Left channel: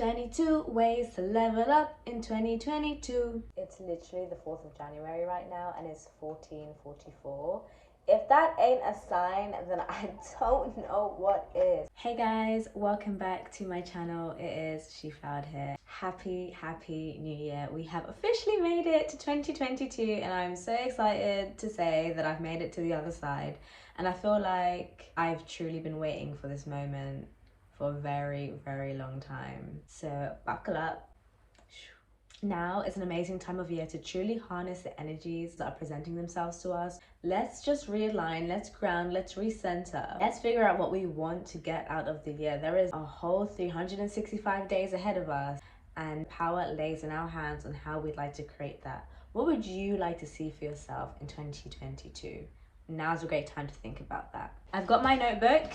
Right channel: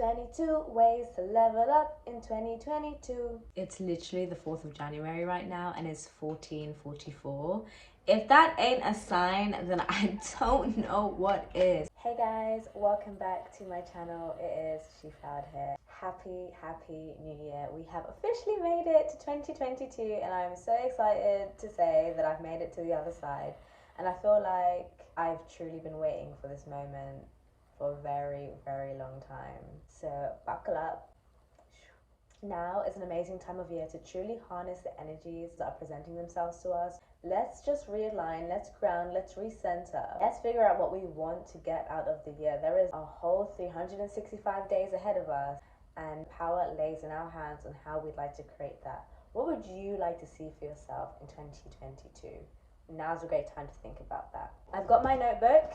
22 ways to level up in 2022. It's literally the 4th of January right now and it's 14:44. If that ain't a sign, then I don't know what is. Hey guys, welcome back to my channel. It is Sheflowered here. Happy New Year. We have officially made it to 2022 and I'm so excited to say that I've made it to the other side. And I feel like I've truly been waiting for this moment for a very long time. So buckle up. Now is an amazing time of year to truly harness the energies that are presenting themselves to us. Let's just realign, let's ground, let's recenter. Let's figure out what we want to get out of the year. There is a whole 365 days ahead of us and power lays in our hands on how we'd like to create that. What would you like to see for yourself in 2022? Now's a great time to think about that. I've got my notebook.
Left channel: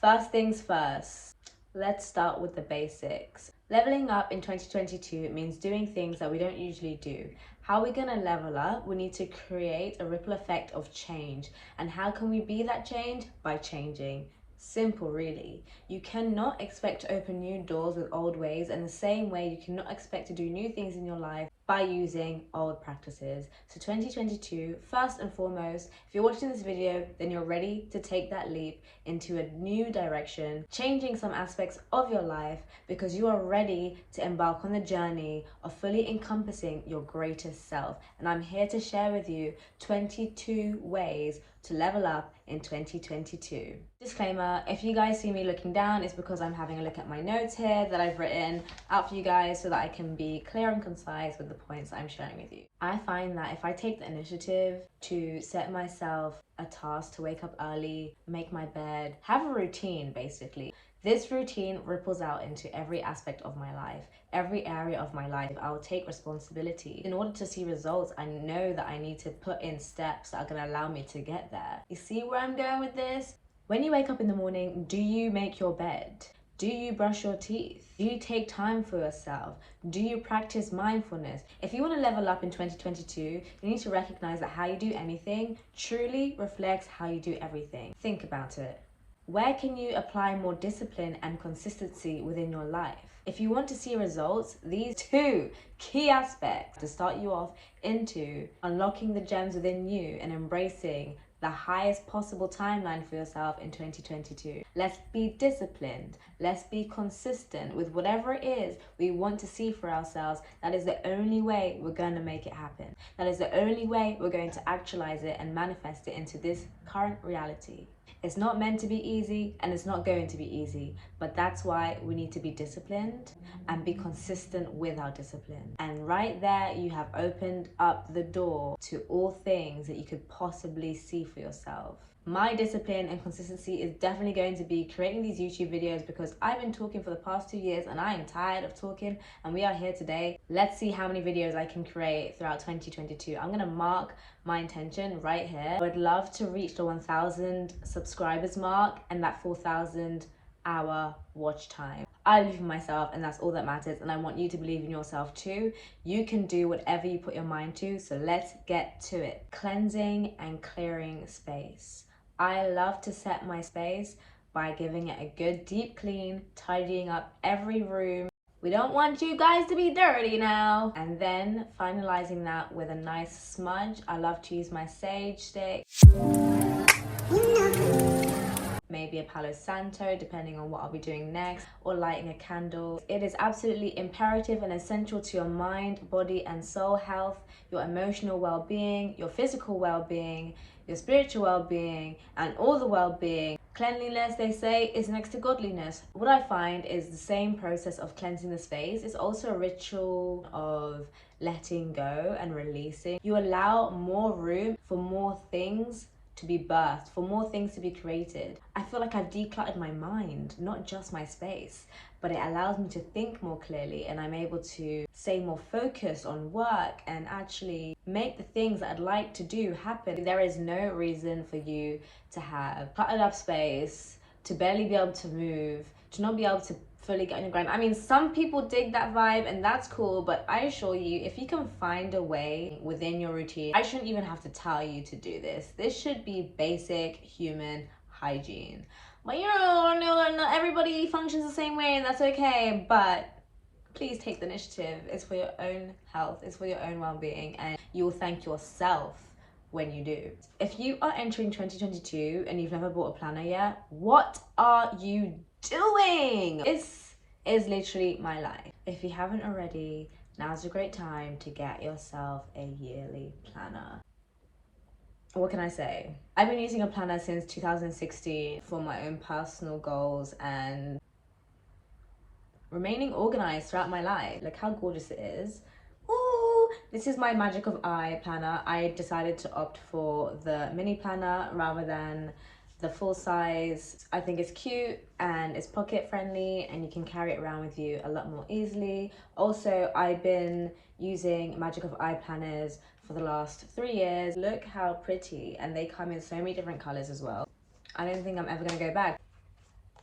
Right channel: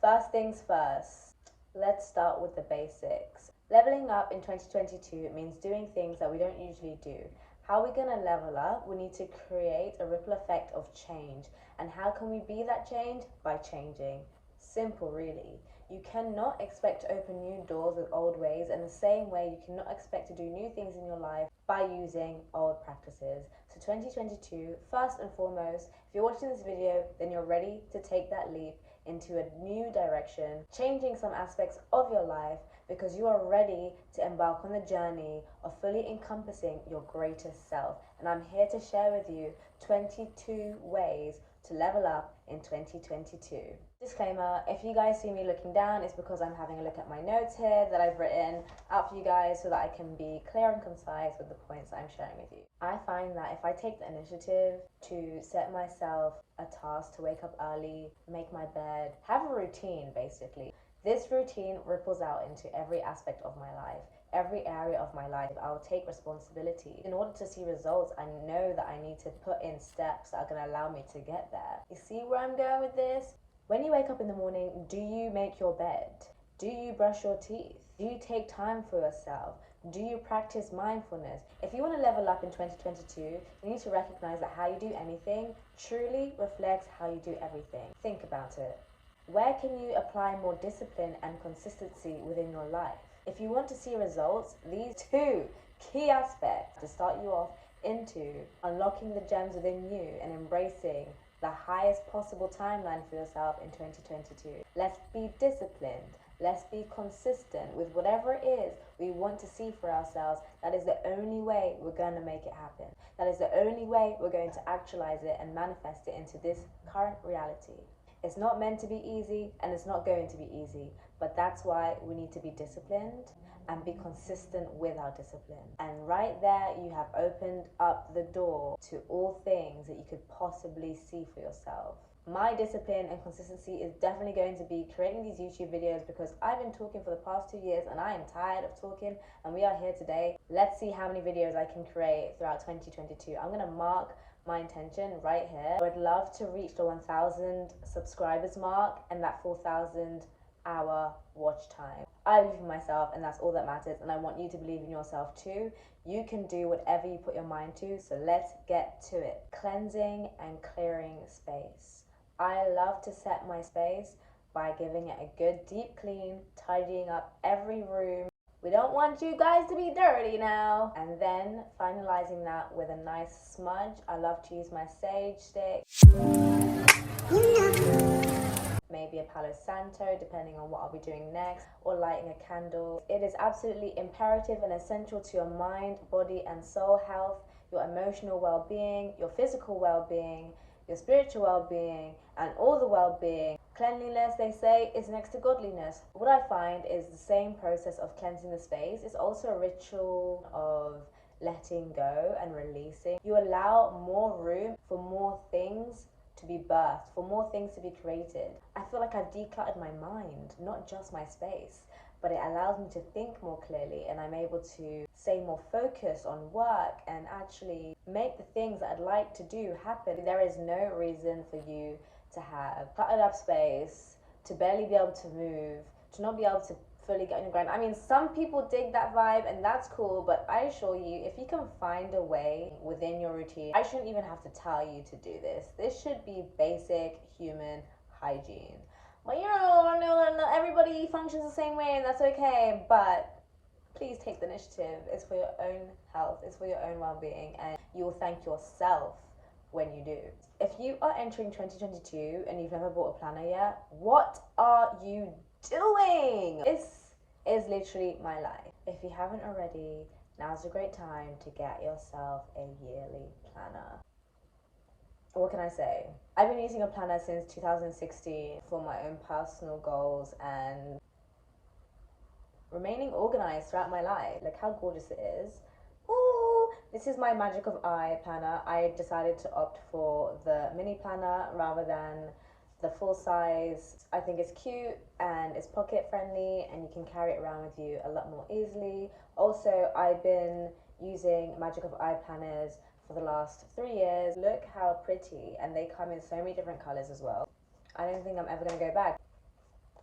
First things first, let's start with the basics. Leveling up in 2022 means doing things that we don't usually do. How are we gonna level up? We need to create a ripple effect of change. And how can we be that change? By changing. Simple, really. You cannot expect to open new doors with old ways, and the same way you cannot expect to do new things in your life by using old practices. So 2022, first and foremost, if you're watching this video, then you're ready to take that leap into a new direction, changing some aspects of your life because you are ready to embark on the journey of fully encompassing your greatest self. And I'm here to share with you 22 ways to level up in 2022. Disclaimer, if you guys see me looking down, it's because I'm having a look at my notes here that I've written out for you guys so that I can be clear and concise with the points that I'm sharing with you. I find that if I take the initiative to set myself a task to wake up early, make my bed, have a routine basically, this routine ripples out into every aspect of my life, every area of my life. I'll take responsibility. In order to see results, I know that I need to put in steps that are going to allow me to get there. You see where I'm going with this? When you wake up in the morning, do you make your bed? Do you brush your teeth? Do you take time for yourself? Do you practice mindfulness? If you want to level up in 2022, you need to recognize that how you do anything truly reflects how you do everything. Think about it. Where can you apply more discipline and consistency within your life? If you want to see results, these two key aspects to start you off into unlocking the gems within you and embracing the highest possible timeline for yourself in 2022. Let's be disciplined. Let's be consistent with whatever it is we want to see for ourselves. That is the only way we're going to make it happen. That is the only way we're going to actualize it and manifest it into this current reality. It's not meant to be easy and it's not going to be easy, but that's why we need to be disciplined and be consistent with our discipline. And right there, you have opened up the door to all things that you could possibly see for yourself. My discipline and consistency is definitely going to be creating these YouTube videos because I've been talking for the past 2 years and I am tired of talking, and we are here today. Let's see how many videos I can create throughout 2022. I'm gonna mark my intention right here. I would love to reach the 1,000 subscribers mark and that 4,000 hour watch time. I believe in myself and that's all that matters, and I want you to believe in yourself too. You can do whatever you put your mind to, so let's get to it. Cleansing and clearing space. I love to set my space by giving it a good deep clean, tidying up every room. We don't want you guys to be dirty now. And then finalizing that with a nice smudge. I love to use my sage stick. Maybe a Palo Santo, depending on what I'll be doing next, or lighting a candle. It is absolutely imperative and essential to your mind, body, and soul health, your emotional well-being, your physical well-being, your spiritual well-being, and all the well-being. Cleanliness, they say, is next to godliness. What I find is the same process of cleansing the space is also a ritual of letting go and releasing. You allow more room for more things to be birthed, for more things to be created. I feel like I've decluttered my mind, not just my space, but it allows me to think more clearly, and I'm able to stay more focused on work and actually make the things that I'd like to do happen. There is no reason for you to have cluttered up space, to barely be able to move, to not be able to fully get on your grind. I mean, some people dig that vibe and that's cool, but I assure you, if you can find a way within your routine, I shouldn't even have to tell you to do this. This should be basic human hygiene. But you know, not everybody functions the same way, and that's okay. But please take the initiative. It's for your own health, it's for your own well-being, and you will thank yourself when you do. If you are entering 2022 and you've never bought a planner yet, what are you doing? This is literally my life. If you haven't already, now's a great time to get yourself a yearly planner. What can I say? I've been using a planner since 2016 for my own personal goals and remaining organized throughout my life. Look how gorgeous it is. Ooh, this is my Magic of I planner. I decided to opt for the mini planner rather than the full size. I think it's cute and it's pocket friendly and you can carry it around with you a lot more easily. Also, I've been using Magic of I planners for the last 3 years. Look how pretty, and they come in so many different colors as well. I don't think I'm ever gonna go back.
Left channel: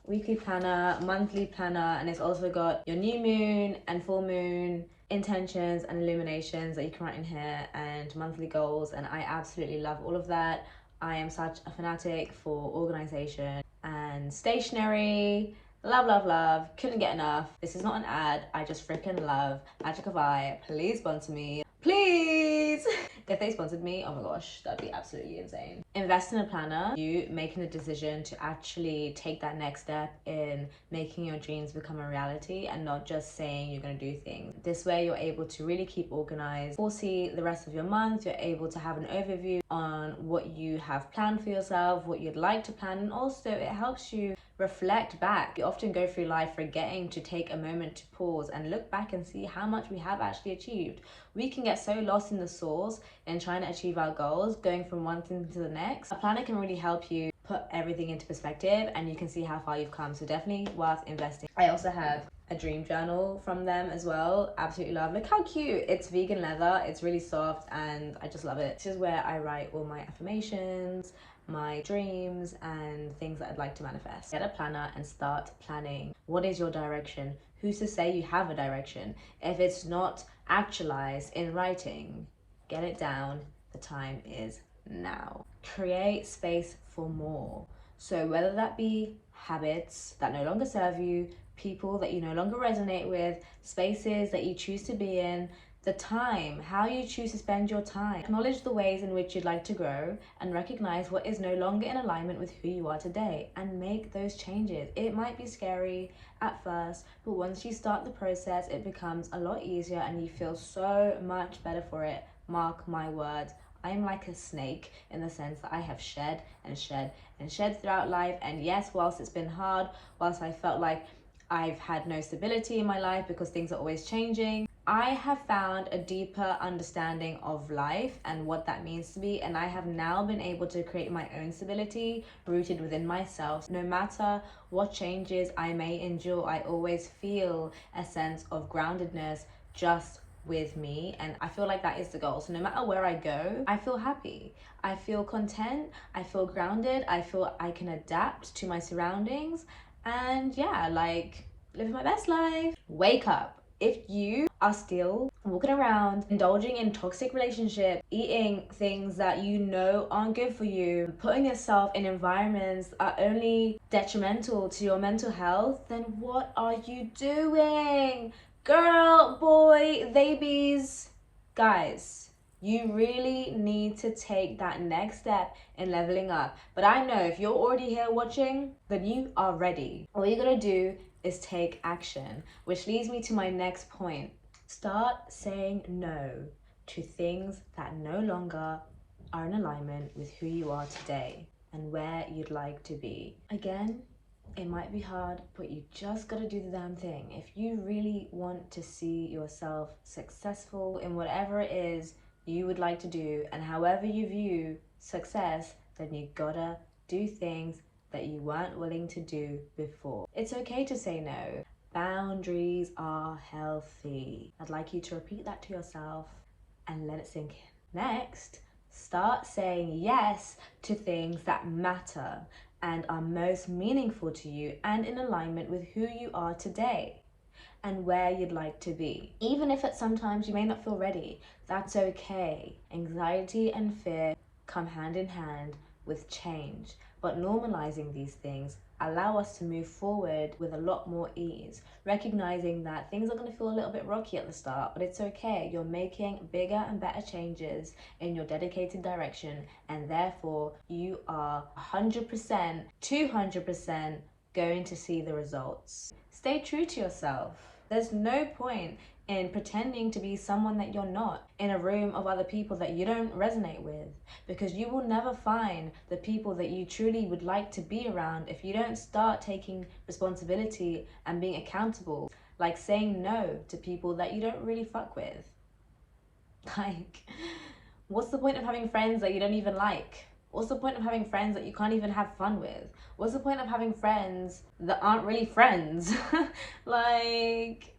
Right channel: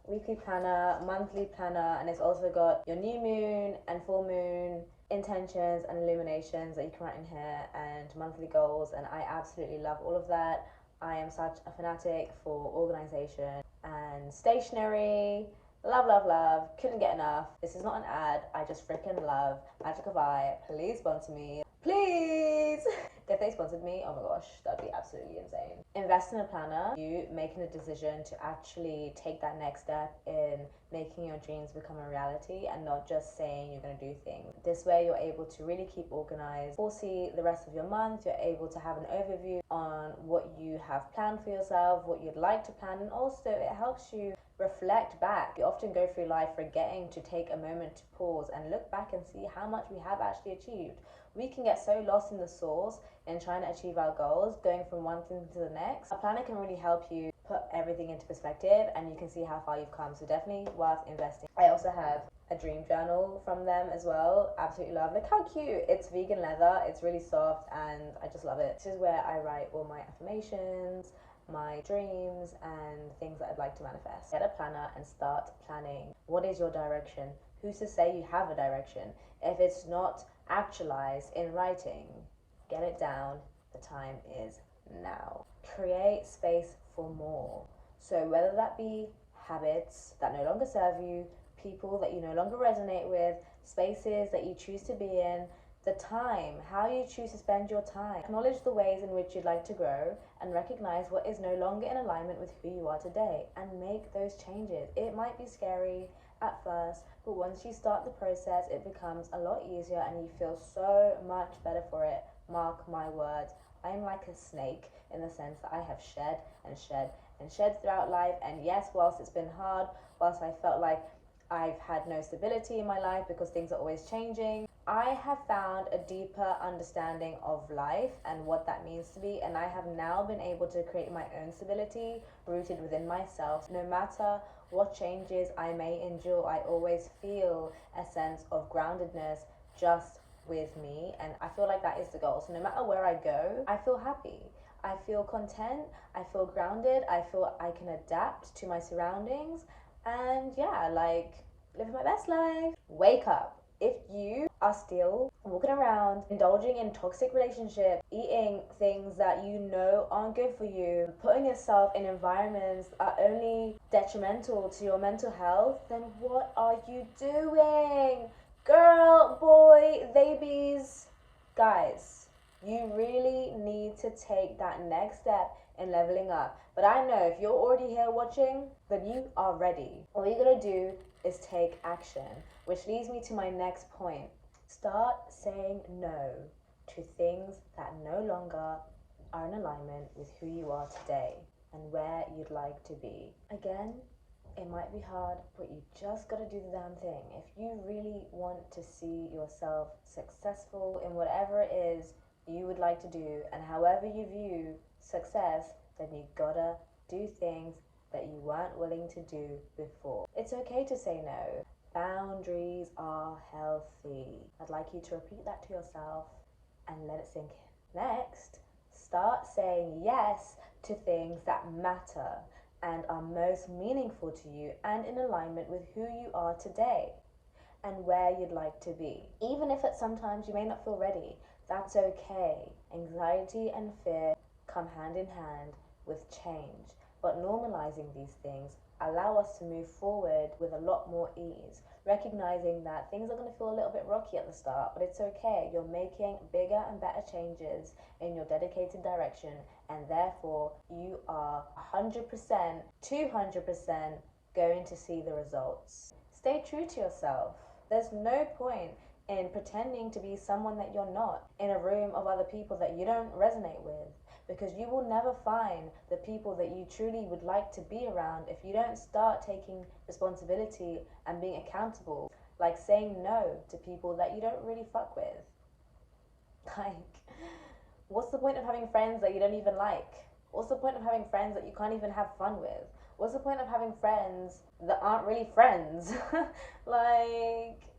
Weekly planner, monthly planner, and it's also got your new moon and full moon intentions and illuminations that you can write in here, and monthly goals, and I absolutely love all of that. I am such a fanatic for organization and stationery. Love, love, love. Couldn't get enough. This is not an ad. I just freaking love Magic of I. Please sponsor me. Please! If they sponsored me, oh my gosh, that'd be absolutely insane. Invest in a planner. You making the decision to actually take that next step in making your dreams become a reality and not just saying you're going to do things. This way you're able to really keep organized, foresee the rest of your month. You're able to have an overview on what you have planned for yourself, what you'd like to plan, and also it helps you reflect back. You often go through life forgetting to take a moment to pause and look back and see how much we have actually achieved. We can get so lost in the sauce in trying to achieve our goals, going from one thing to the next. A planner can really help you put everything into perspective and you can see how far you've come, so definitely worth investing. I also have a dream journal from them as well. Absolutely love. Look how cute. It's vegan leather, it's really soft, and I just love it. This is where I write all my affirmations, my dreams, and things that I'd like to manifest. Get a planner and start planning. What is your direction? Who's to say you have a direction? If it's not actualized in writing, get it down. The time is now. Create space for more. So whether that be habits that no longer serve you, people that you no longer resonate with, spaces that you choose to be in, the time, how you choose to spend your time. Acknowledge the ways in which you'd like to grow and recognize what is no longer in alignment with who you are today and make those changes. It might be scary at first, but once you start the process, it becomes a lot easier and you feel so much better for it. Mark my words. I'm like a snake in the sense that I have shed and shed and shed throughout life. And yes, whilst it's been hard, whilst I felt like I've had no stability in my life because things are always changing, I have found a deeper understanding of life and what that means to me, and I have now been able to create my own stability rooted within myself. No matter what changes I may endure, I always feel a sense of groundedness just with me, and I feel like that is the goal. So no matter where I go, I feel happy, I feel content, I feel grounded, I feel I can adapt to my surroundings, and yeah, like living my best life. Wake up. If you are still walking around indulging in toxic relationships, eating things that you know aren't good for you, putting yourself in environments that are only detrimental to your mental health, then what are you doing? Girl, boy, babies, guys, you really need to take that next step in leveling up. But I know if you're already here watching, then you are ready. All you gotta do is take action, which leads me to my next point. Start saying no to things that no longer are in alignment with who you are today and where you'd like to be. Again, it might be hard, but you just gotta do the damn thing. If you really want to see yourself successful in whatever it is you would like to do, and however you view success, then you gotta do things that you weren't willing to do before. It's okay to say no. Boundaries are healthy. I'd like you to repeat that to yourself and let it sink in. Next, start saying yes to things that matter and are most meaningful to you and in alignment with who you are today and where you'd like to be. Even if sometimes you may not feel ready, that's okay. Anxiety and fear come hand in hand with change, but normalizing these things allow us to move forward with a lot more ease, recognizing that things are going to feel a little bit rocky at the start, but it's okay. You're making bigger and better changes in your dedicated direction, and therefore you are 100%, 200% going to see the results. Stay true to yourself. There's no point in pretending to be someone that you're not in a room of other people that you don't resonate with, because you will never find the people that you truly would like to be around if you don't start taking responsibility and being accountable, like saying no to people that you don't really fuck with. Like, what's the point of having friends that you don't even like? What's the point of having friends that you can't even have fun with? What's the point of having friends that aren't really friends? Like,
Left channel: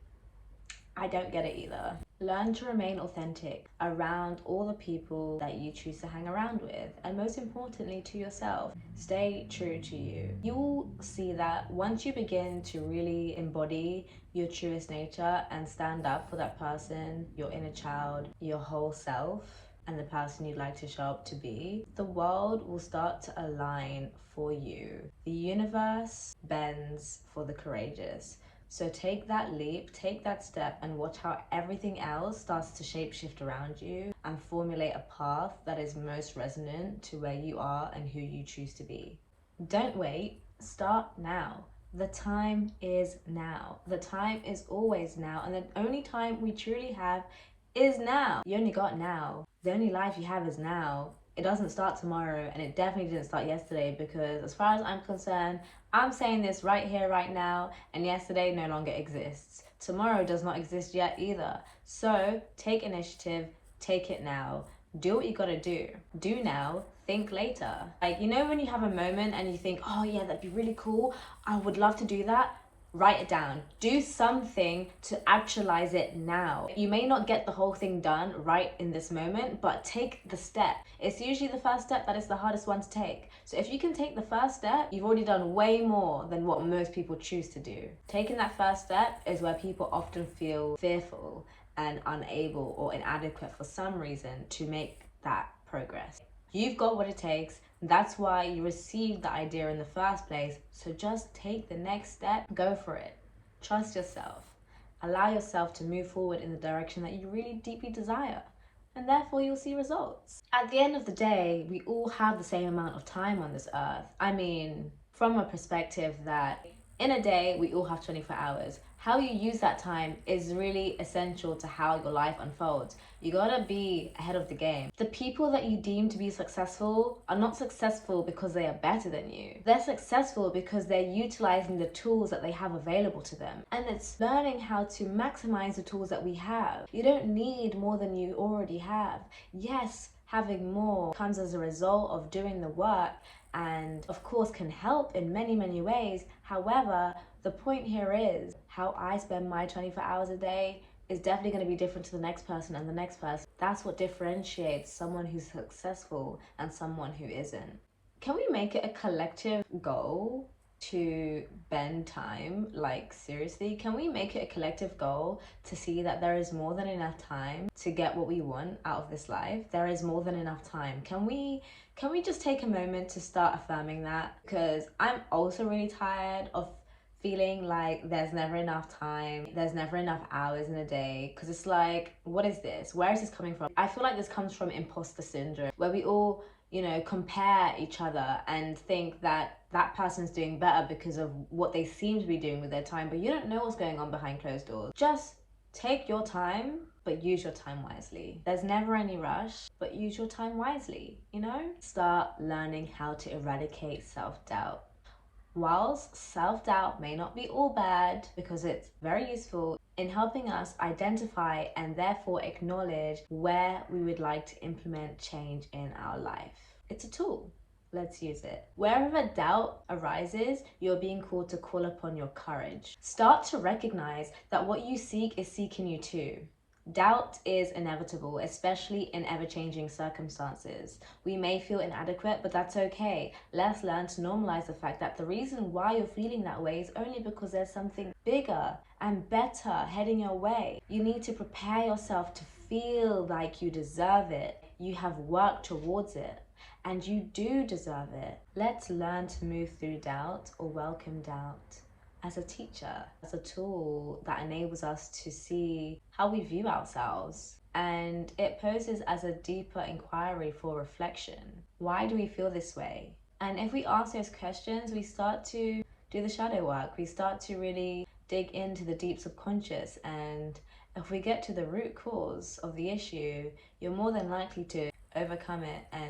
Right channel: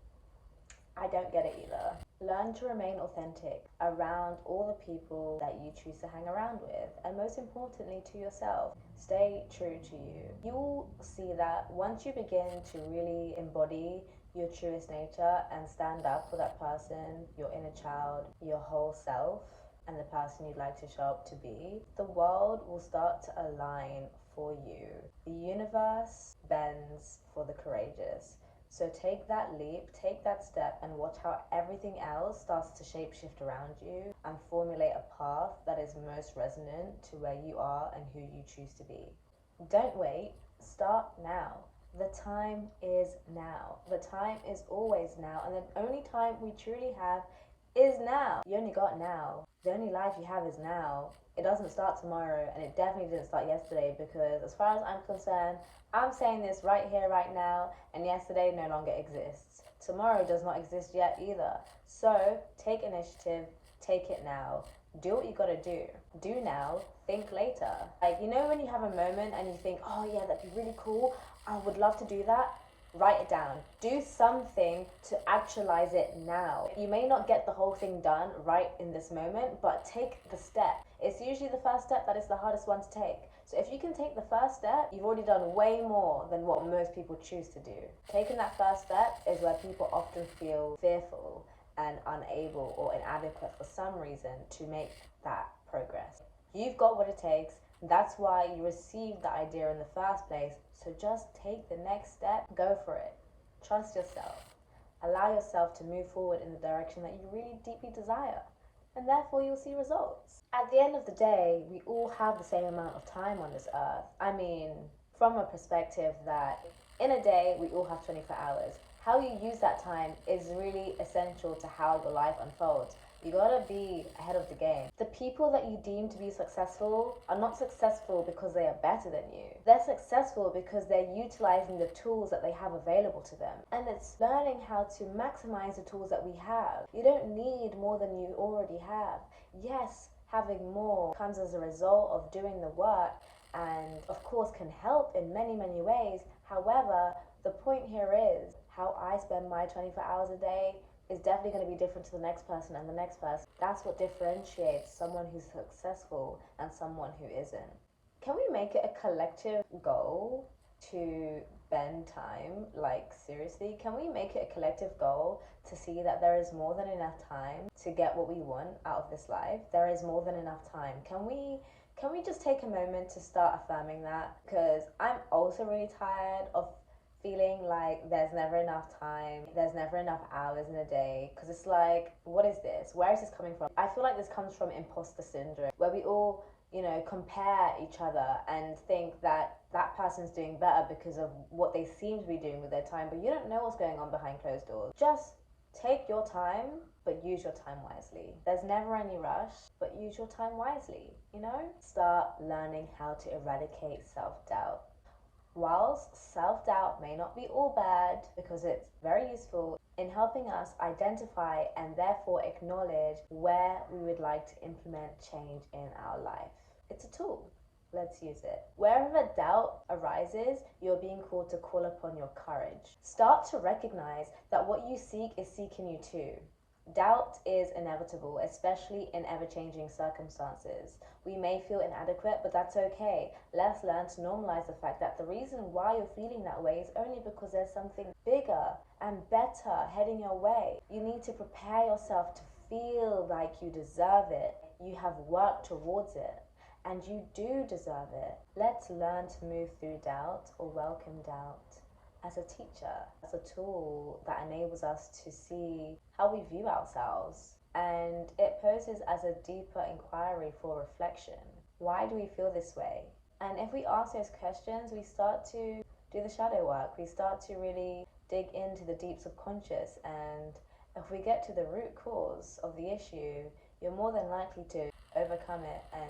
I don't get it either. Learn to remain authentic around all the people that you choose to hang around with, and most importantly to yourself. Stay true to you. You will see that once you begin to really embody your truest nature and stand up for that person, your inner child, your whole self, and the person you'd like to show up to be, the world will start to align for you. The universe bends for the courageous. So take that leap, take that step, and watch how everything else starts to shapeshift around you and formulate a path that is most resonant to where you are and who you choose to be. Don't wait, start now. The time is now. The time is always now, and the only time we truly have is now. You only got now. The only life you have is now. It doesn't start tomorrow, and it definitely didn't start yesterday, because as far as I'm concerned, I'm saying this right here, right now, and yesterday no longer exists. Tomorrow does not exist yet either. So take initiative, take it now. Do what you gotta do. Do now, think later. Like, you know when you have a moment and you think, oh yeah, that'd be really cool, I would love to do that? Write it down. Do something to actualize it now. You may not get the whole thing done right in this moment, but take the step. It's usually the first step that is the hardest one to take. So if you can take the first step, you've already done way more than what most people choose to do. Taking that first step is where people often feel fearful and unable or inadequate for some reason to make that progress. You've got what it takes. That's why you received the idea in the first place. So just take the next step, go for it. Trust yourself. Allow yourself to move forward in the direction that you really deeply desire, and therefore you'll see results. At the end of the day, we all have the same amount of time on this earth. I mean, from a perspective that in a day, we all have 24 hours. How you use that time is really essential to how your life unfolds. You gotta be ahead of the game. The people that you deem to be successful are not successful because they are better than you. They're successful because they're utilizing the tools that they have available to them. And it's learning how to maximize the tools that we have. You don't need more than you already have. Yes, having more comes as a result of doing the work, and of course can help in many, many ways. However, the point here is how I spend my 24 hours a day is definitely going to be different to the next person and the next person. That's what differentiates someone who's successful and someone who isn't. Can we make it a collective goal to bend time? Like, seriously, can we make it a collective goal to see that there is more than enough time to get what we want out of this life? There is more than enough time. Can we just take a moment to start affirming that? Because I'm also really tired of feeling like there's never enough time, there's never enough hours in a day, because it's like, what is this? Where is this coming from? I feel like this comes from imposter syndrome, where we all, compare each other and think that that person's doing better because of what they seem to be doing with their time, but you don't know what's going on behind closed doors. Just take your time, but use your time wisely. There's never any rush, but use your time wisely, Start learning how to eradicate self-doubt. Whilst self-doubt may not be all bad, because it's very useful in helping us identify and therefore acknowledge where we would like to implement change in our life. It's a tool. Let's use it. Wherever doubt arises, you're being called to call upon your courage. Start to recognize that what you seek is seeking you too. Doubt is inevitable, especially in ever-changing circumstances. We may feel inadequate, but that's okay. Let's learn to normalize the fact that the reason why you're feeling that way is only because there's something bigger and better heading your way. You need to prepare yourself to feel like you deserve it. You have worked towards it. and you do deserve it. Let's learn to move through doubt or welcome doubt as a teacher, as a tool that enables us to see how we view ourselves. And it poses as a deeper inquiry for reflection. Why do we feel this way? And if we ask those questions, we start to do the shadow work. We start to really dig into the deep subconscious. And if we get to the root cause of the issue, you're more than likely to overcome it and,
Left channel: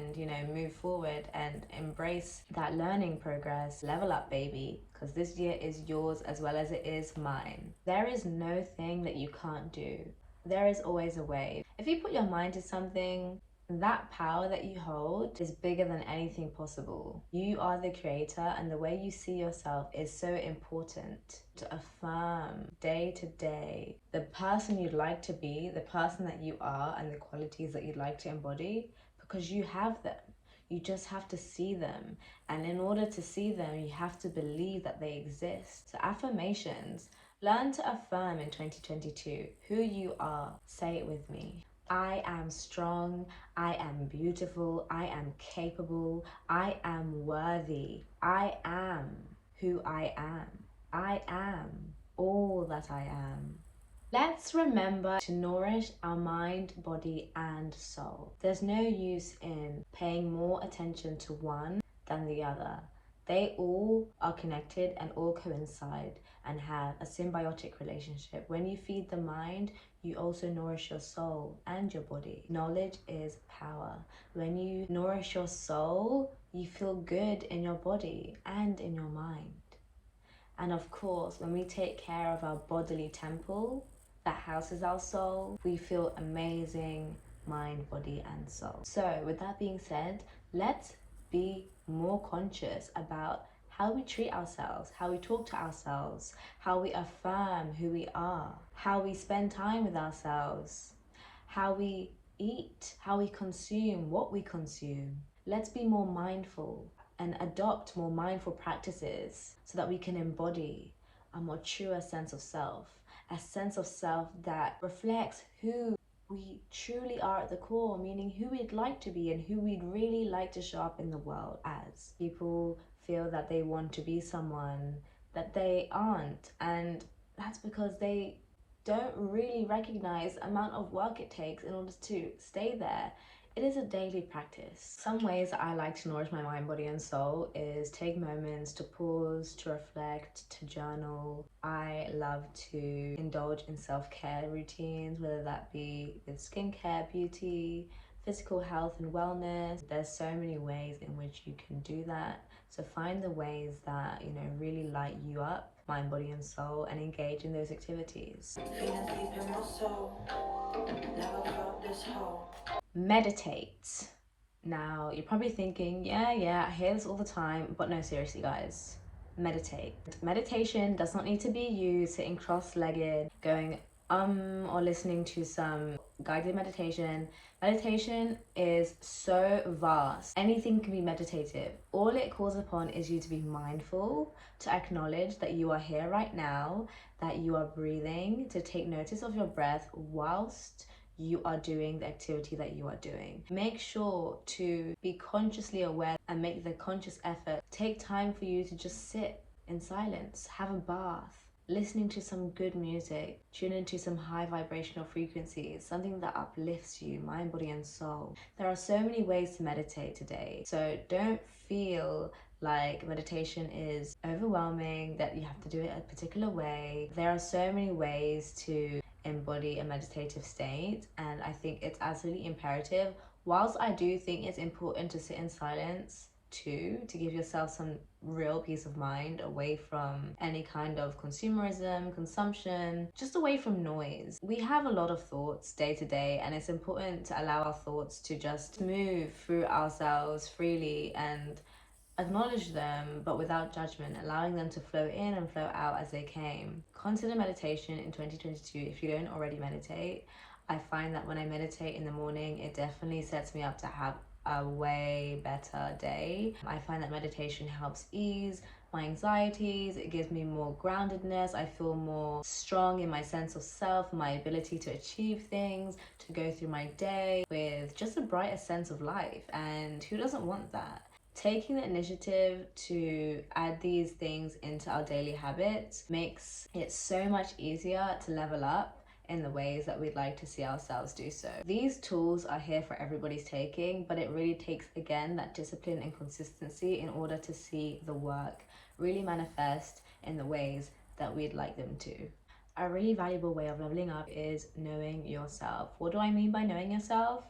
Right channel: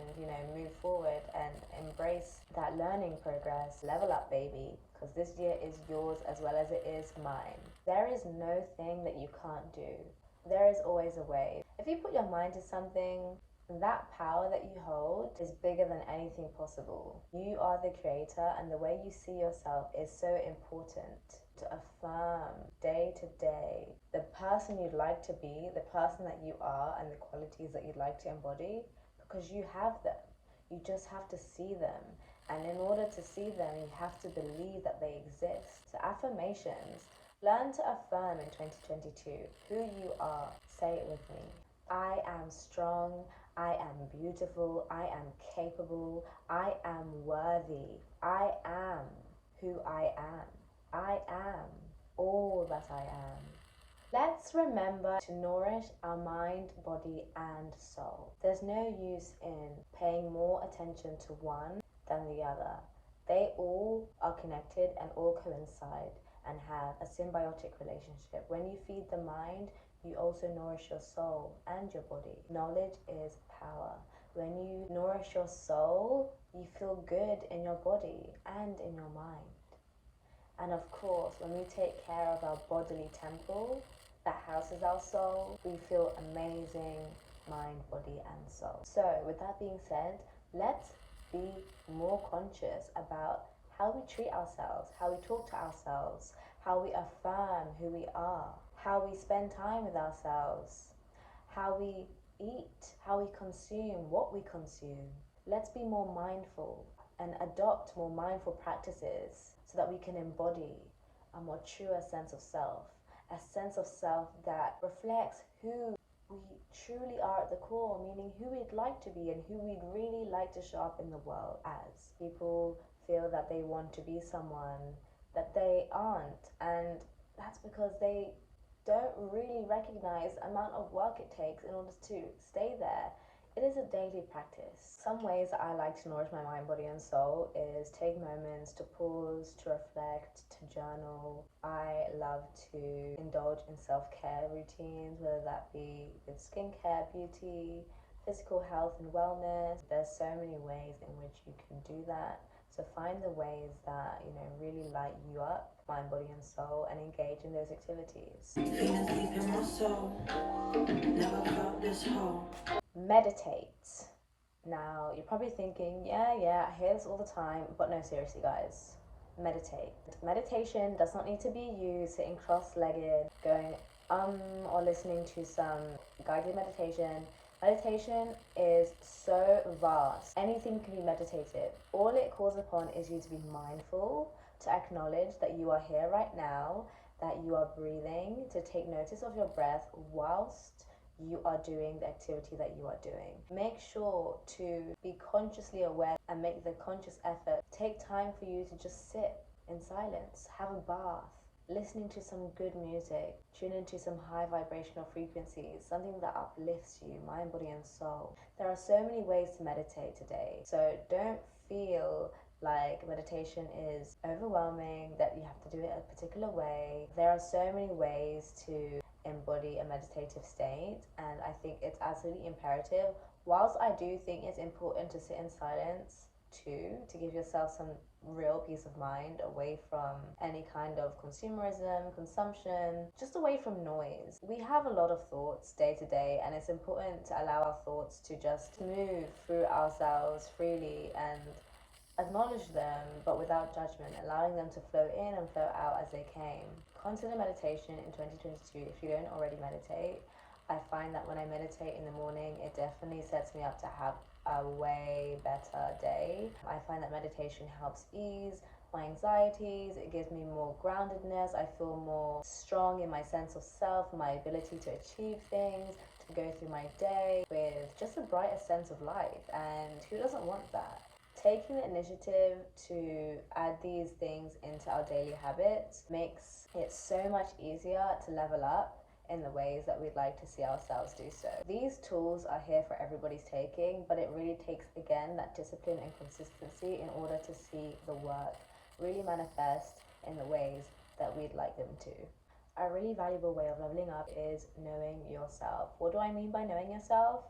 move forward and embrace that learning progress. Level up, baby, because this year is yours as well as it is mine. There is no thing that you can't do. There is always a way. If you put your mind to something, that power that you hold is bigger than anything possible. You are the creator, and the way you see yourself is so important. To affirm day to day the person you'd like to be, the person that you are, and the qualities that you'd like to embody, because you have them. You just have to see them. And in order to see them, you have to believe that they exist. So affirmations. Learn to affirm in 2022 who you are. Say it with me. I am strong, I am beautiful, I am capable, I am worthy, I am who I am. I am all that I am. Let's remember to nourish our mind, body, and soul. There's no use in paying more attention to one than the other. They all are connected and all coincide and have a symbiotic relationship. When you feed the mind, you also nourish your soul and your body. Knowledge is power. When you nourish your soul, you feel good in your body and in your mind. And of course, when we take care of our bodily temple that houses our soul, we feel amazing mind, body, and soul. So with that being said, let's be more conscious about how we treat ourselves, how we talk to ourselves, how we affirm who we are, how we spend time with ourselves, how we eat, how we consume, what we consume. Let's be more mindful and adopt more mindful practices so that we can embody a more truer sense of self, a sense of self that reflects who we truly are at the core, meaning who we'd like to be and who we'd really like to show up in the world as. People feel that they want to be someone that they aren't, and that's because they don't really recognize the amount of work it takes in order to stay there. It is a daily practice. Some ways that I like to nourish my mind, body, and soul is take moments to pause, to reflect, to journal. I love to indulge in self-care routines, whether that be with skincare, beauty, physical health and wellness. There's so many ways in which you can do that. So find the ways that, really light you up, mind, body, and soul, and engage in those activities. Feeling deep in my soul, never felt this whole. Meditate. Now, you're probably thinking, yeah, I hear this all the time, but no, seriously, guys, meditate. Meditation does not need to be you sitting cross-legged, going or listening to some guided meditation. Meditation is so vast. Anything can be meditative. All it calls upon is you to be mindful, to acknowledge that you are here right now, that you are breathing, to take notice of your breath whilst you are doing the activity that you are doing. Make sure to be consciously aware and make the conscious effort. Take time for you to just sit in silence, have a bath, listening to some good music, tune into some high vibrational frequencies, something that uplifts you, mind, body, and soul. There are so many ways to meditate today, so don't feel like meditation is overwhelming, that you have to do it a particular way. There are so many ways to embody a meditative state, and I think it's absolutely imperative. Whilst I do think it's important to sit in silence too, to give yourself some real peace of mind away from any kind of consumerism, consumption, just away from noise. We have a lot of thoughts day to day, and it's important to allow our thoughts to just move through ourselves freely and acknowledge them, but without judgment, allowing them to flow in and flow out as they came. Consider meditation in 2022 if you don't already meditate. I find that when I meditate in the morning, it definitely sets me up to have a way better day. I find that meditation helps ease my anxieties, it gives me more groundedness. I feel more strong in my sense of self, my ability to achieve things, to go through my day with just a brighter sense of life. And who doesn't want that? Taking the initiative to add these things into our daily habits makes it so much easier to level up in the ways that we'd like to see ourselves do so. These tools are here for everybody's taking, but it really takes, again, that discipline and consistency in order to see the work really manifest in the ways that we'd like them to. A really valuable way of leveling up is knowing yourself. What do I mean by knowing yourself?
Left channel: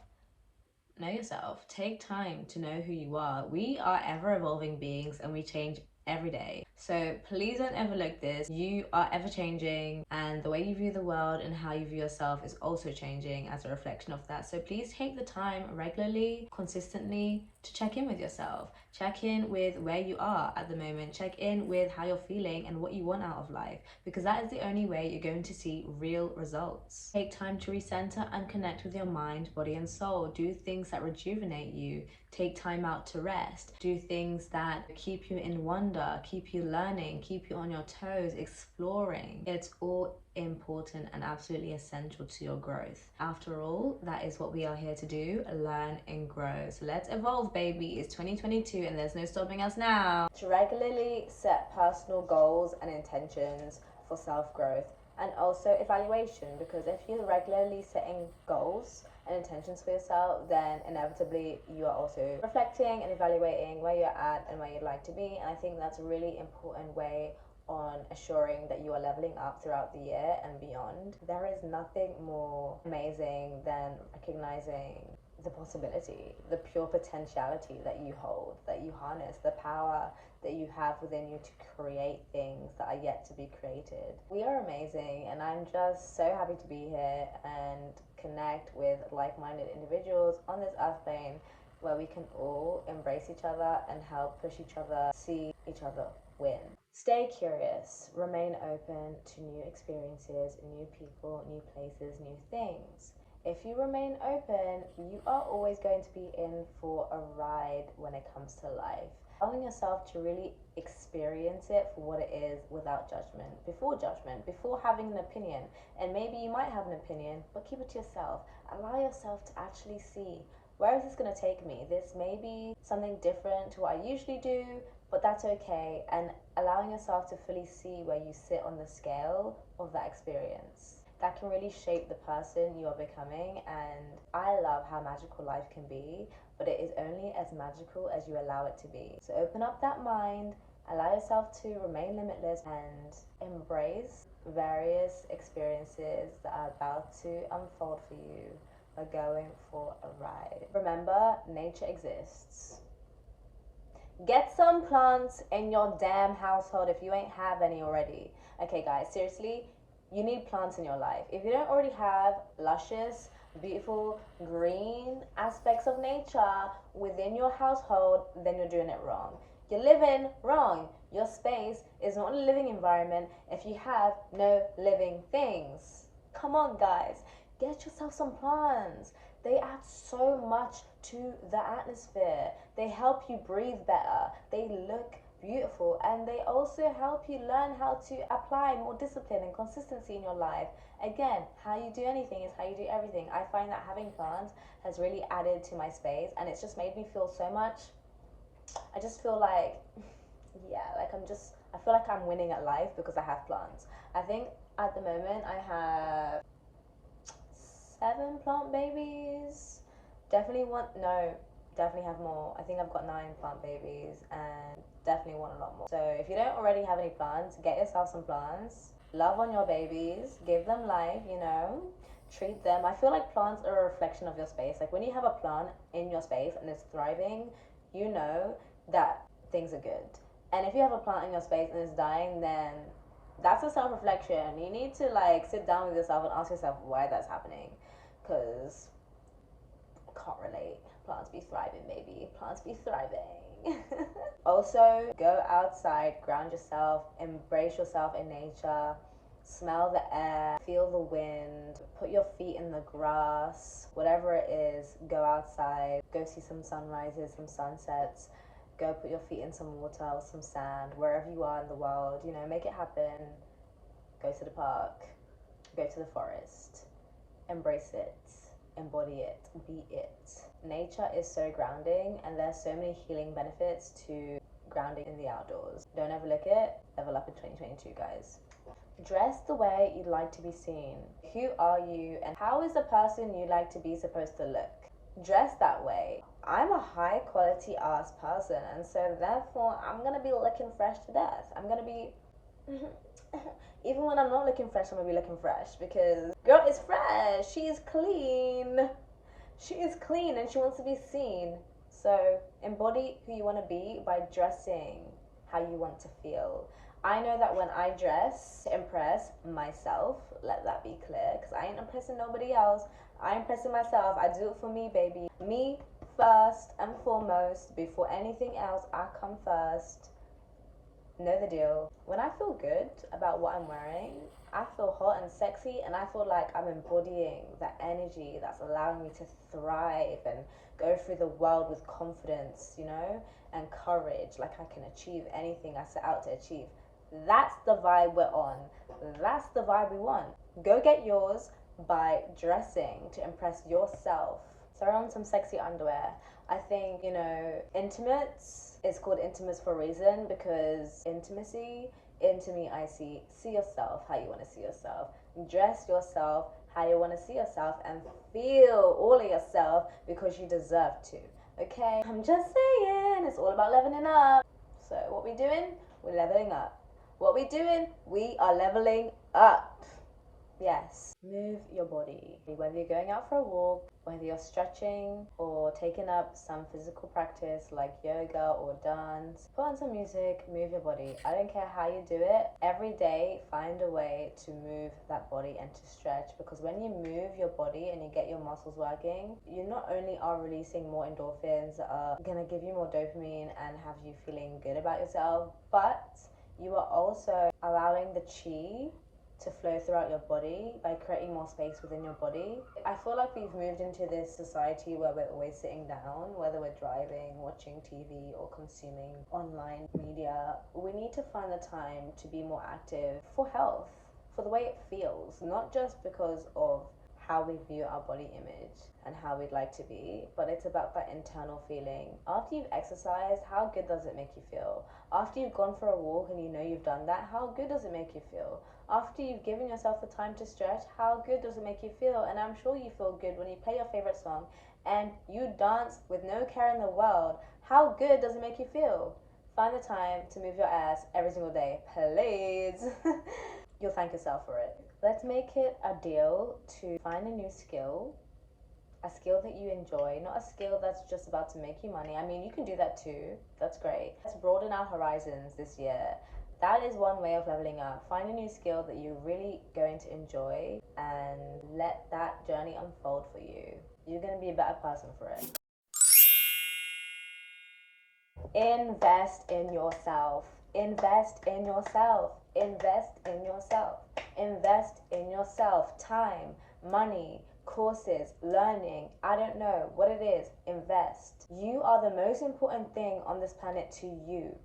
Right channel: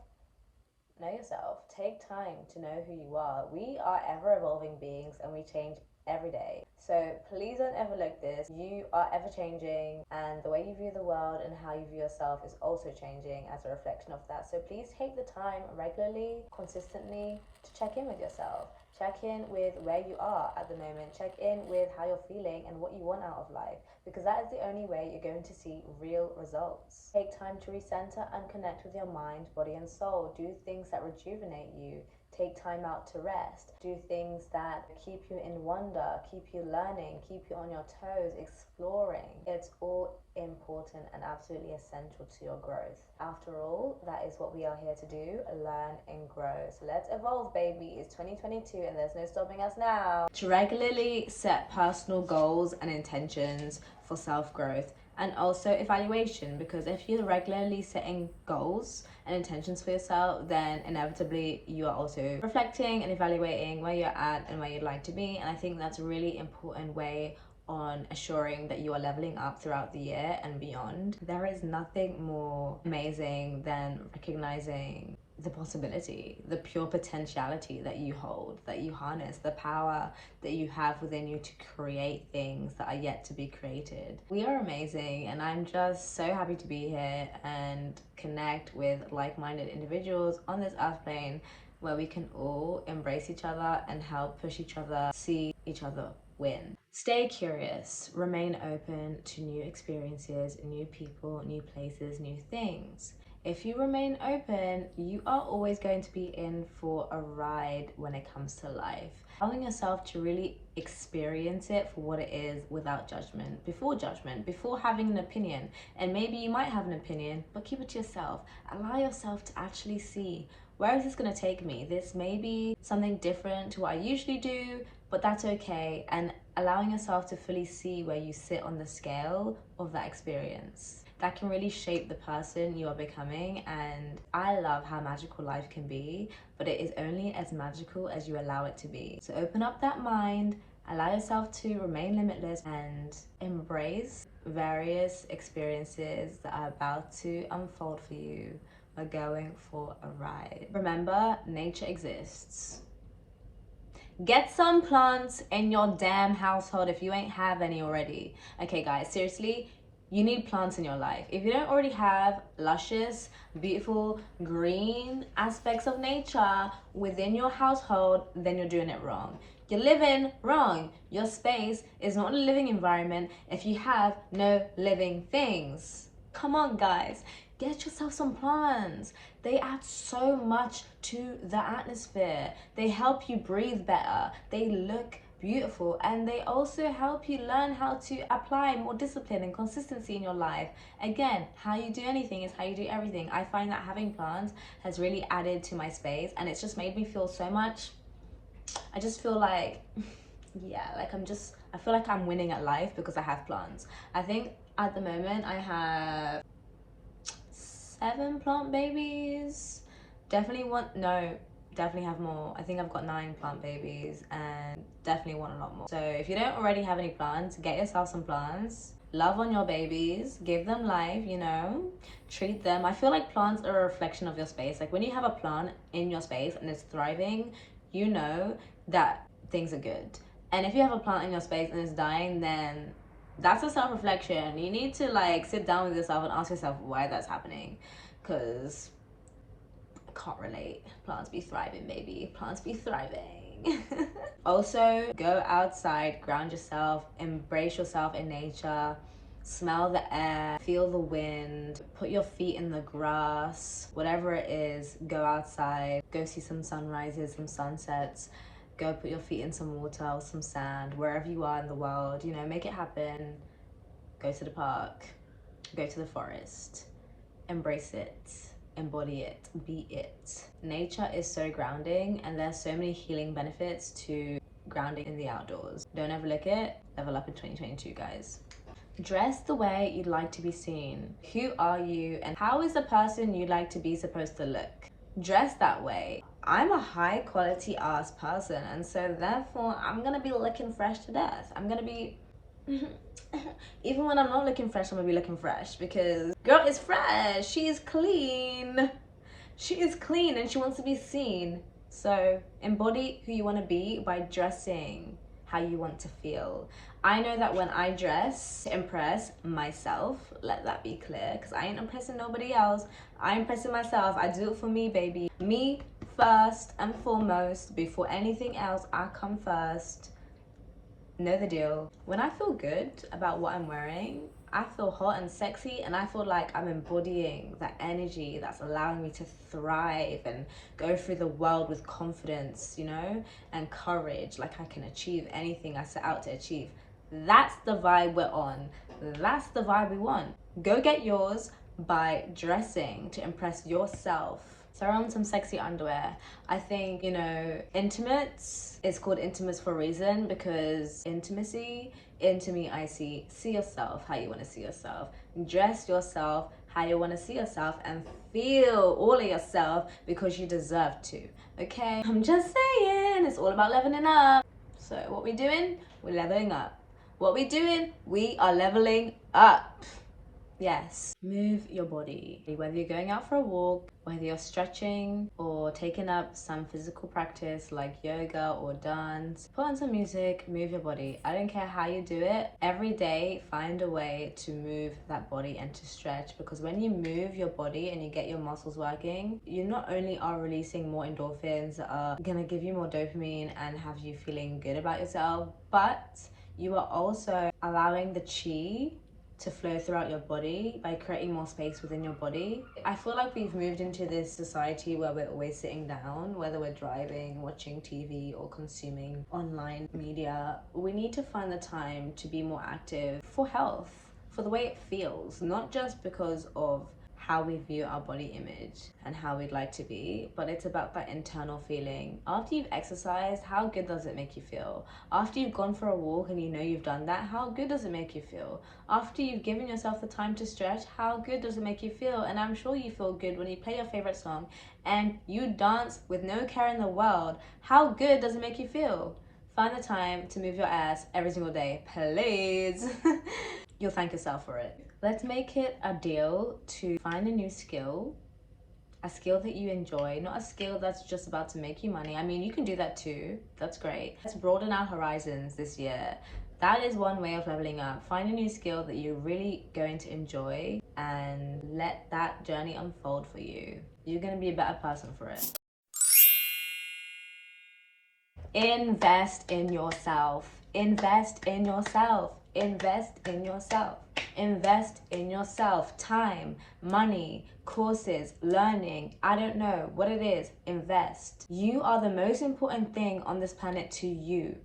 Know yourself. Take time to know who you are. We are ever evolving beings and we change every day. So please don't overlook this. You are ever changing, and the way you view the world and how you view yourself is also changing as a reflection of that. So please take the time regularly, consistently to check in with yourself. Check in with where you are at the moment. Check in with how you're feeling and what you want out of life, because that is the only way you're going to see real results. Take time to recenter and connect with your mind, body, and soul. Do things that rejuvenate you. Take time out to rest. Do things that keep you in wonder, keep you learning, keep you on your toes, exploring. It's all important and absolutely essential to your growth. After all, that is what we are here to do, learn and grow. So let's evolve, baby. It's 2022 and there's no stopping us now. To regularly set personal goals and intentions for self-growth, and also evaluation, because if you're regularly setting goals and intentions for yourself, then inevitably you are also reflecting and evaluating where you're at and where you'd like to be. And I think that's a really important way on assuring that you are leveling up throughout the year and beyond. There is nothing more amazing than recognizing the possibility, the pure potentiality that you hold, that you harness, the power that you have within you to create things that are yet to be created. We are amazing, and I'm just so happy to be here and connect with like-minded individuals on this earth plane where we can all embrace each other and help push each other, see each other win. Stay curious, remain open to new experiences, new people, new places, new things. If you remain open, you are always going to be in for a ride when it comes to life. Allowing yourself to really experience it for what it is without judgment, before having an opinion. And maybe you might have an opinion, but keep it to yourself. Allow yourself to actually see, where is this going to take me? This may be something different to what I usually do, but that's okay. And allowing yourself to fully see where you sit on the scale of that experience. That can really shape the person you are becoming. And I love how magical life can be, but it is only as magical as you allow it to be. So open up that mind, allow yourself to remain limitless, and embrace various experiences that are about to unfold for you. We're going for a ride. Remember, nature exists. Get some plants in your damn household if you ain't have any already. Okay guys, seriously, you need plants in your life. If you don't already have luscious, beautiful, green aspects of nature within your household, then you're doing it wrong. You're living wrong. Your space is not a living environment if you have no living things. Come on guys, get yourself some plants. They add so much to the atmosphere. They help you breathe better. They look beautiful, and they also help you learn how to apply more discipline and consistency in your life. Again, how you do anything is how you do everything. I find that having plants has really added to my space, and it's just made me feel so much. I just feel like, yeah, like I feel like I'm winning at life because I have plants. I think at the moment I have 7 plant babies. Definitely have more. I think I've got 9 plant babies and definitely want a lot more. So if you don't already have any plants, get yourself some plants. Love on your babies, give them life, you know, treat them. I feel like plants are a reflection of your space. Like when you have a plant in your space and it's thriving, you know that things are good. And if you have a plant in your space and it's dying, then that's a self-reflection. You need to like sit down with yourself and ask yourself why that's happening, because I can't relate. Plants be thriving, baby. Plants be thriving. Also, go outside, ground yourself, embrace yourself in nature, smell the air, feel the wind, put your feet in the grass, whatever it is. Go outside, go see some sunrises, some sunsets. Go put your feet in some water or some sand, wherever you are in the world, you know, make it happen. Go to the park, go to the forest, embrace it, embody it, be it. Nature is so grounding, and there's so many healing benefits to grounding in the outdoors. Don't overlook it. Level up in 2022, guys. Dress the way you'd like to be seen. Who are you, and how is the person you'd like to be supposed to look? Dress that way. I'm a high quality ass person, and so therefore I'm gonna be looking fresh to death. I'm gonna be even when I'm not looking fresh, I'm gonna be looking fresh, because girl is fresh. She is clean. She is clean and she wants to be seen. So embody who you want to be by dressing how you want to feel. I know that when I dress to impress myself, let that be clear, because I ain't impressing nobody else. I'm impressing myself. I do it for me, baby. Me first and foremost. Before anything else, I come first. Know the deal. When I feel good about what I'm wearing, I feel hot and sexy, and I feel like I'm embodying that energy that's allowing me to thrive and go through the world with confidence, you know, and courage, like I can achieve anything I set out to achieve. That's the vibe we're on. That's the vibe we want. Go get yours by dressing to impress yourself. Throw on some sexy underwear. I think, you know, intimates is called intimates for a reason, because intimacy, into me, I see yourself how you want to see yourself. Dress yourself how you want to see yourself, and feel all of yourself, because you deserve to. Okay? I'm just saying, it's all about leveling up. So what we doing? We're leveling up. What we doing? We are leveling up. Yes. Move your body. Whether you're going out for a walk, whether you're stretching or taking up some physical practice like yoga or dance, put on some music, move your body. I don't care how you do it. Every day, find a way to move that body and to stretch, because when you move your body and you get your muscles working, you not only are releasing more endorphins that are gonna give you more dopamine and have you feeling good about yourself, but you are also allowing the chi to flow throughout your body by creating more space within your body. I feel like we've moved into this society where we're always sitting down, whether we're driving, watching TV, or consuming online media. We need to find the time to be more active for health, for the way it feels, not just because of how we view our body image and how we'd like to be, but it's about that internal feeling. After you've exercised, how good does it make you feel? After you've gone for a walk and you know you've done that, how good does it make you feel? After you've given yourself the time to stretch, how good does it make you feel? And I'm sure you feel good when you play your favorite song and you dance with no care in the world. How good does it make you feel? Find the time to move your ass every single day, please. You'll thank yourself for it. Let's make it a deal to find a new skill, a skill that you enjoy, not a skill that's just about to make you money. I mean, you can do that too. That's great. Let's broaden our horizons this year. That is one way of leveling up. Find a new skill that you're really going to enjoy and let that journey unfold for you. You're going to be a better person for it. Invest in yourself. Invest in yourself. Invest in yourself. Invest in yourself. Time, money, courses, learning. I don't know what it is. Invest. You are the most important thing on this planet to you.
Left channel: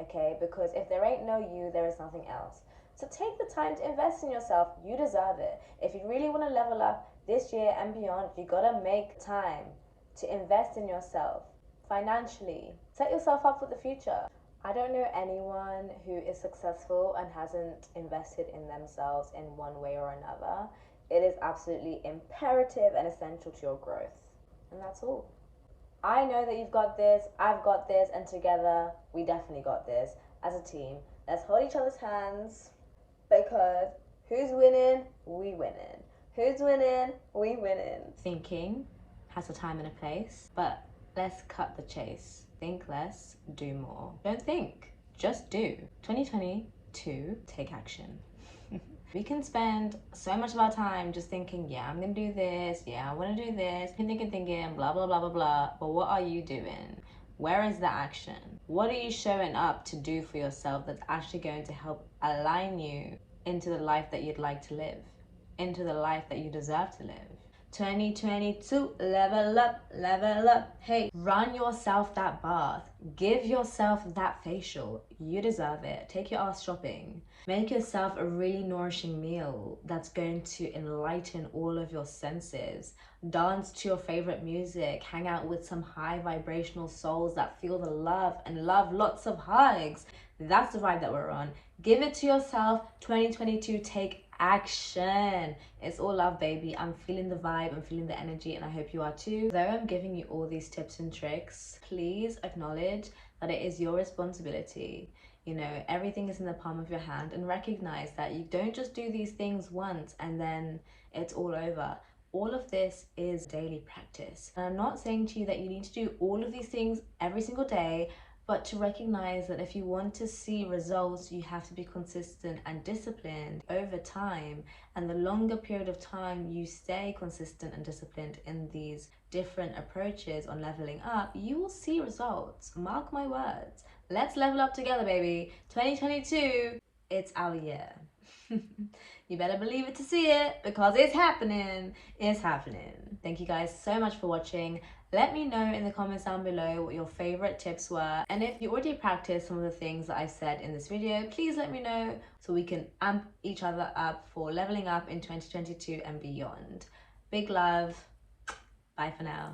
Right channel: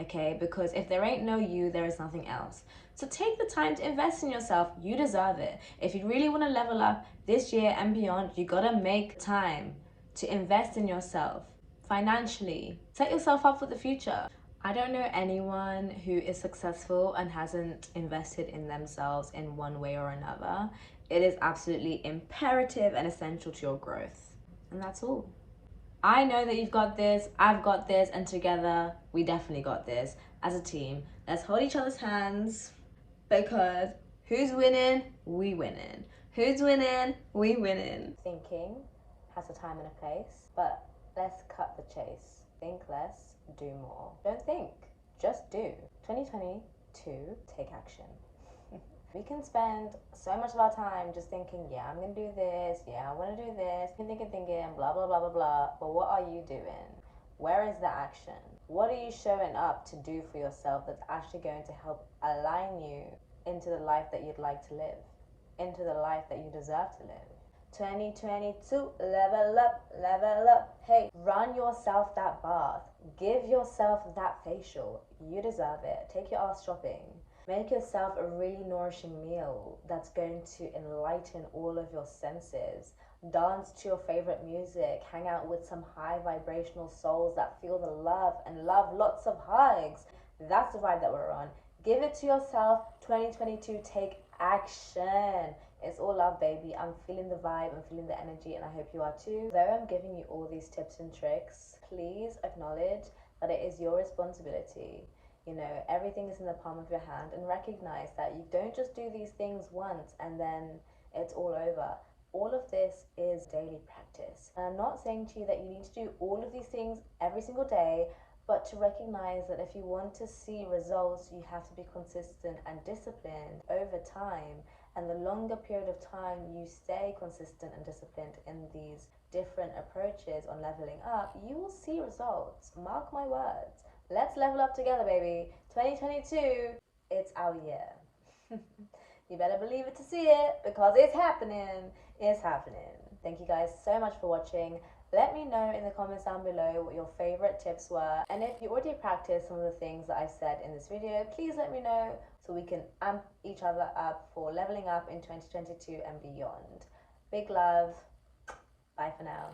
Okay? Because if there ain't no you, there is nothing else. So take the time to invest in yourself. You deserve it. If you really want to level up this year and beyond, you gotta make time to invest in yourself. Financially, set yourself up for the future. I don't know anyone who is successful and hasn't invested in themselves in one way or another. It is absolutely imperative and essential to your growth. And that's all. I know that you've got this, I've got this, and together we definitely got this as a team. Let's hold each other's hands, because who's winning? We winning. Who's winning? We winning. Thinking has a time and a place, but let's cut the chase. Think less, do more. Don't think, just do. 2022, take action. We can spend so much of our time just thinking, yeah, I'm gonna do this, yeah, I wanna do this, thinking, blah, blah, blah, blah, blah. But what are you doing? Where is the action? What are you showing up to do for yourself that's actually going to help align you into the life that you'd like to live, into the life that you deserve to live? 2022, level up, level up. Hey, run yourself that bath. Give yourself that facial. You deserve it. Take your ass shopping. Make yourself a really nourishing meal that's going to enlighten all of your senses. Dance to your favorite music. Hang out with some high vibrational souls that feel the love and love lots of hugs. That's the vibe that we're on. Give it to yourself. 2022, take action. It's all love, baby. I'm feeling the vibe, I'm feeling the energy, and I hope you are too. Though I'm giving you all these tips and tricks, please acknowledge that it is your responsibility. You know, everything is in the palm of your hand, and recognize that you don't just do these things once and then it's all over. All of this is daily practice. And I'm not saying to you that you need to do all of these things every single day, but to recognize that if you want to see results, you have to be consistent and disciplined over time. And the longer period of time you stay consistent and disciplined in these different approaches on leveling up, you will see results. Mark my words. Let's level up together, baby. 2022, it's our year. You better believe it to see it, because it's happening. It's happening. Thank you guys so much for watching. Let me know in the comments down below what your favorite tips were, and if you already practiced some of the things that I said in this video, please let me know so we can amp each other up for leveling up in 2022 and beyond. Big love. Bye for now.